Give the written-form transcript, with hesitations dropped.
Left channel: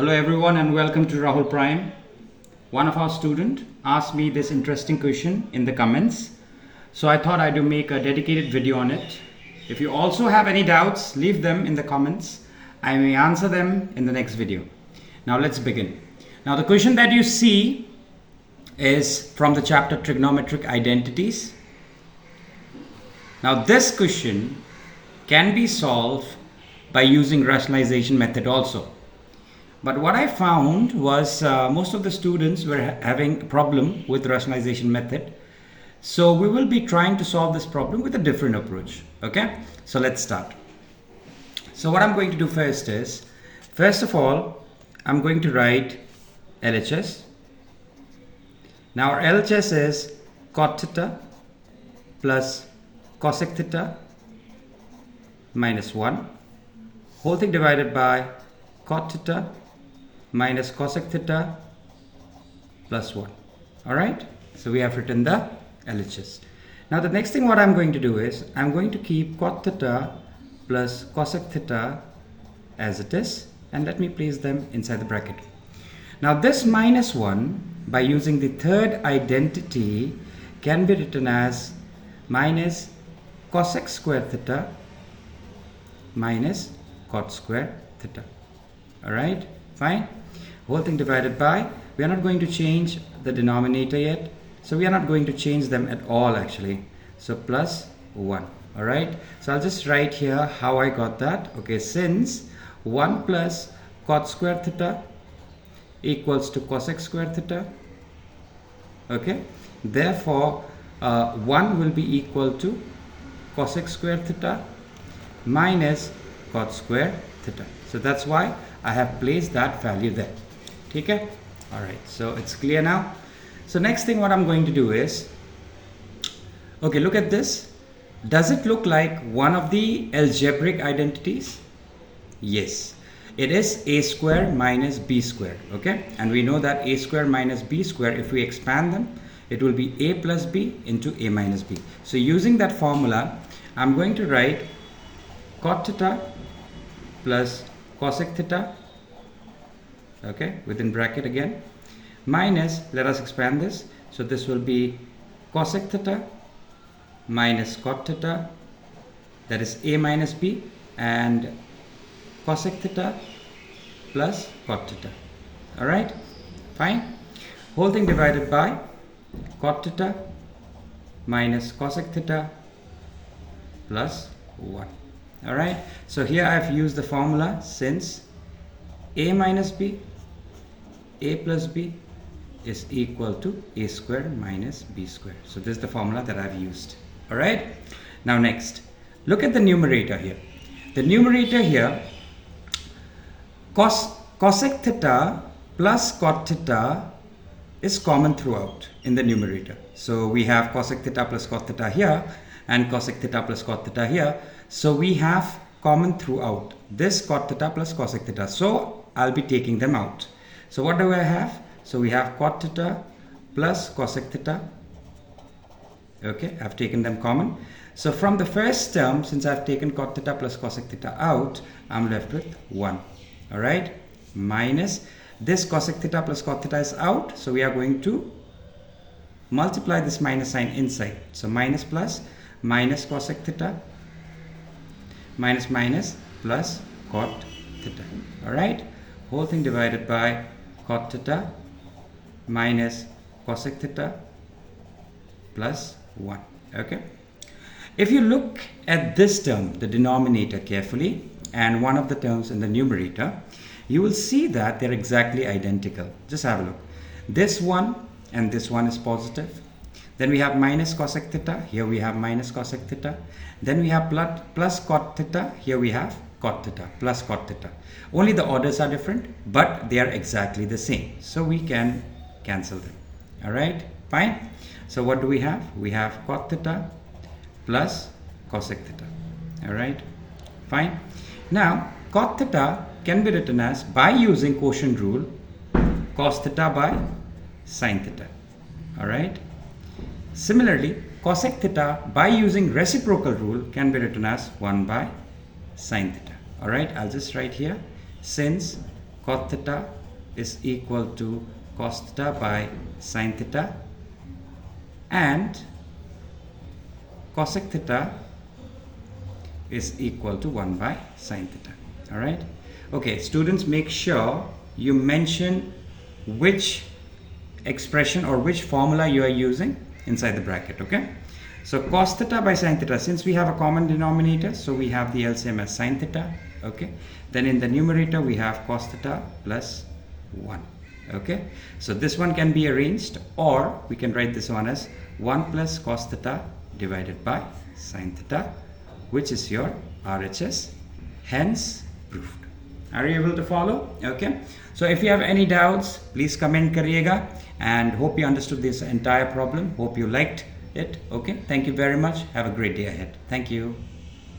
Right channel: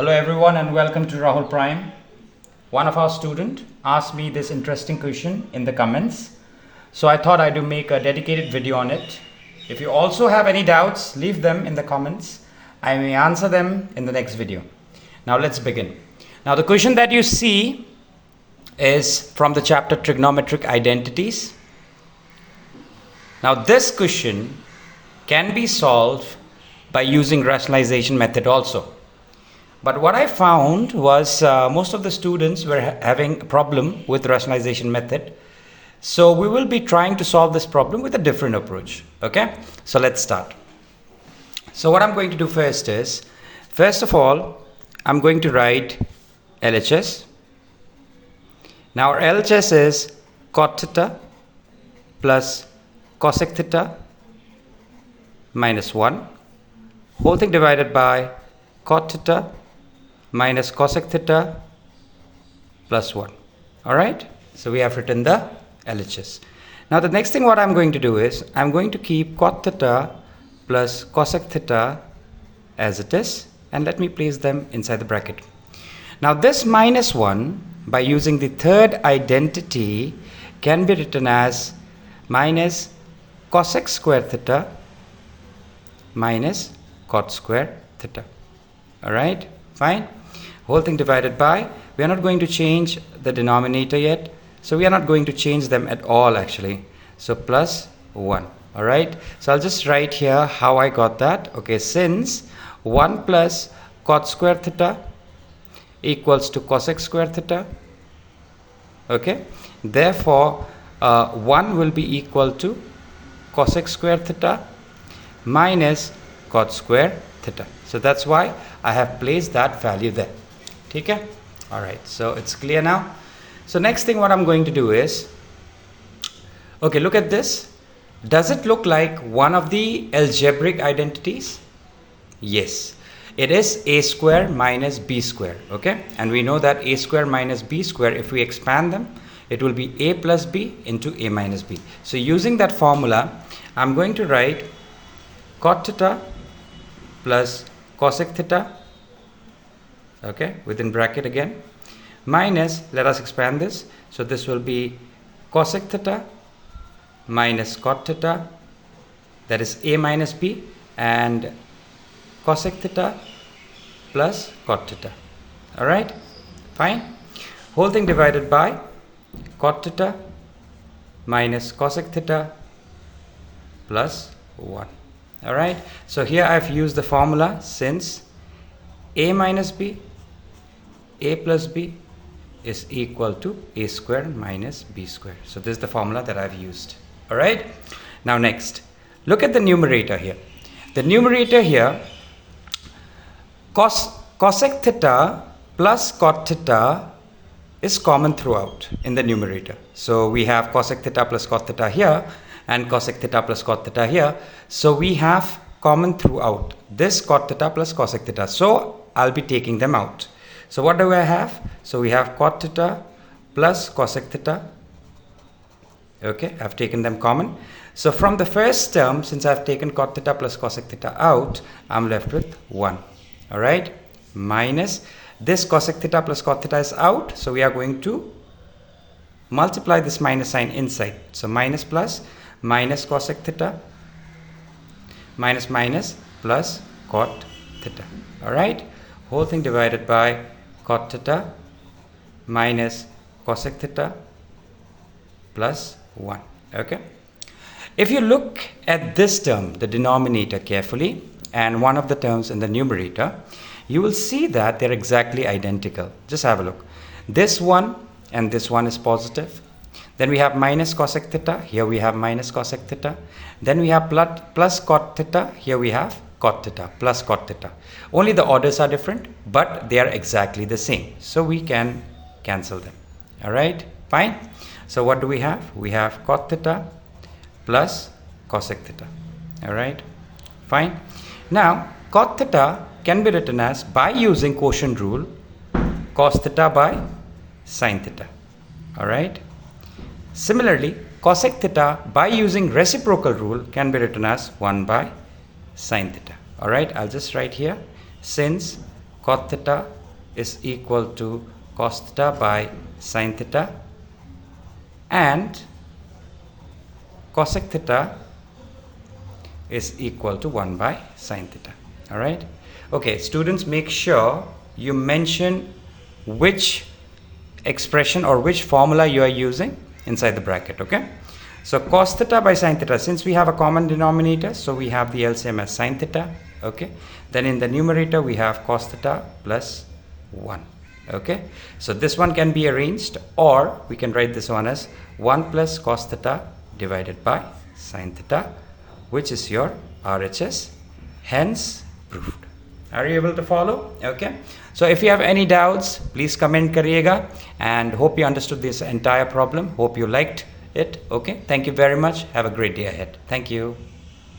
Hello everyone and welcome to Rahul Prime. One of our students asked me this interesting question in the comments. So I thought I'd make a dedicated video on it. If you also have any doubts, leave them in the comments. I may answer them in the next video. Now let's begin. Now the question that you see is from the chapter Trigonometric Identities. Now this question can be solved by using rationalization method also. But what I found was most of the students were having a problem with rationalization method. So we will be trying to solve this problem with a different approach. Okay, so let's start. So what I'm going to do first is, first of all, I'm going to write LHS. Now our LHS is cot theta plus cosec theta minus 1, whole thing divided by cot theta minus cosec theta plus 1. All right, so we have written the LHS. Now the next thing what I'm going to do is I'm going to keep cot theta plus cosec theta as it is, and let me place them inside the bracket. Now this minus 1 by using the third identity can be written as minus cosec square theta minus cot square theta. All right, fine. Whole thing divided by, we are not going to change the denominator yet, so we are not going to change them at all actually. So plus 1. All right, so I'll just write here how I got that. Okay, since 1 plus cot square theta equals to cosec square theta, okay, therefore 1 will be equal to cosec square theta minus cot square theta. So that's why I have placed that value there. Okay, all right, so it's clear now. So next thing what I'm going to do is, okay, look at this. Does it look like one of the algebraic identities? Yes, it is a square minus b square. Okay, and we know that a square minus b square, if we expand them, it will be a plus b into a minus b. So using that formula, I'm going to write cot theta plus cosec theta, okay, within bracket again, minus, let us expand this, so this will be cosec theta minus cot theta, that is a minus b, and cosec theta plus cot theta. All right, fine. Whole thing divided by cot theta minus cosec theta plus 1. All right, so here I've used the formula, since a minus b, a plus b is equal to a square minus b square. So this is the formula that I've used. All right, now next, look at the numerator here. The numerator here, cosec theta plus cot theta is common throughout in the numerator. So we have cosec theta plus cot theta here and cosec theta plus cot theta here. So we have common throughout this cot theta plus cosec theta. So I'll be taking them out. So what do I have? So we have cot theta plus cosec theta. Okay, I've taken them common. So from the first term, since I've taken cot theta plus cosec theta out, I'm left with 1. All right, minus this cosec theta plus cot theta is out. So we are going to multiply this minus sign inside. So minus plus minus cosec theta minus minus plus cot theta. All right, whole thing divided by cot theta minus cosec theta plus 1. Okay, if you look at this term, the denominator, carefully, and one of the terms in the numerator, you will see that they're exactly identical. Just have a look. This one and this one is positive. Then we have minus cosec theta, here we have minus cosec theta. Then we have plus cot theta, here we have cot theta plus cot theta. Only the orders are different, but they are exactly the same. So we can cancel them. All right, fine. So what do we have? We have cot theta plus cosec theta. All right, fine. Now cot theta can be written as, by using quotient rule, cos theta by sin theta. All right. Similarly, cosec theta by using reciprocal rule can be written as 1 by sin theta. All right, I'll just write here, since cot theta is equal to cos theta by sin theta, and cosec theta is equal to 1 by sin theta. All right. Okay, students, make sure you mention which expression or which formula you are using inside the bracket. Okay, so cos theta by sin theta, since we have a common denominator, so we have the LCM as sin theta. Okay, then in the numerator we have cos theta plus 1. Okay, so this one can be arranged, or we can write this one as 1 plus cos theta divided by sin theta, which is your RHS, hence proved. Are you able to follow? Okay, so if you have any doubts, please comment kariega, and hope you understood this entire problem. Hope you liked it. Okay, thank you very much. Have a great day ahead. Thank you.